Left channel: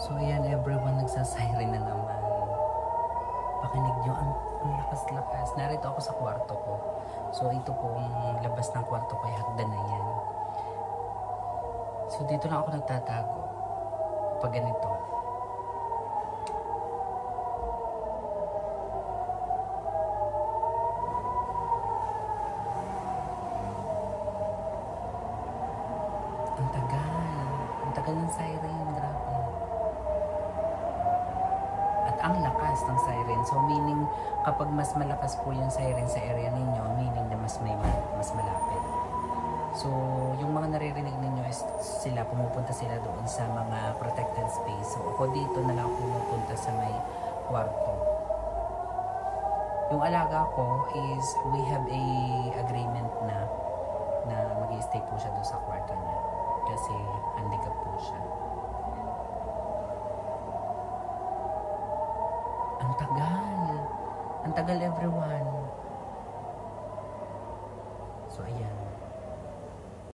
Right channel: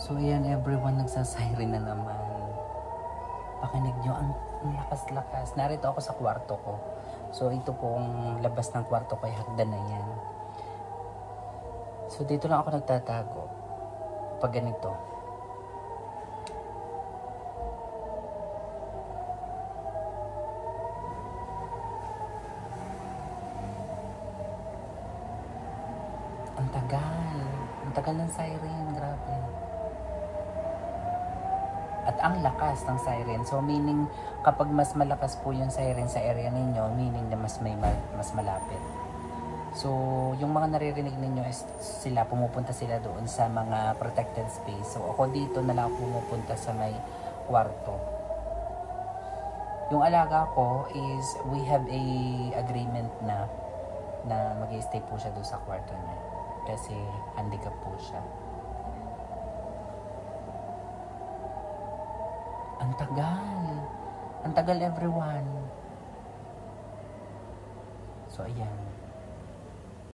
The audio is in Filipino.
So yan, everyone, nagsasiren na naman. Pakinig nyo, ang lakas-lakas. Narito ako sa kwarto ko. So ito pong labas ng kwarto ko, hagdan na yan. So dito lang ako nagtatago pag ganito. Ang tagal ng siren, grabe. At ang lakas ng siren. So meaning, kapag mas malakas po yung siren sa area ninyo, meaning na mas malapit. So yung mga naririnig ninyo is sila, pumupunta sila doon sa mga protected space. So ako dito na lang pumupunta sa may kwarto. Yung alaga ko is, we have a agreement na mag-i-stay po siya doon sa kwarto niya. Kasi handicap po siya. Ang tagal. Ang tagal, everyone. So, ayan.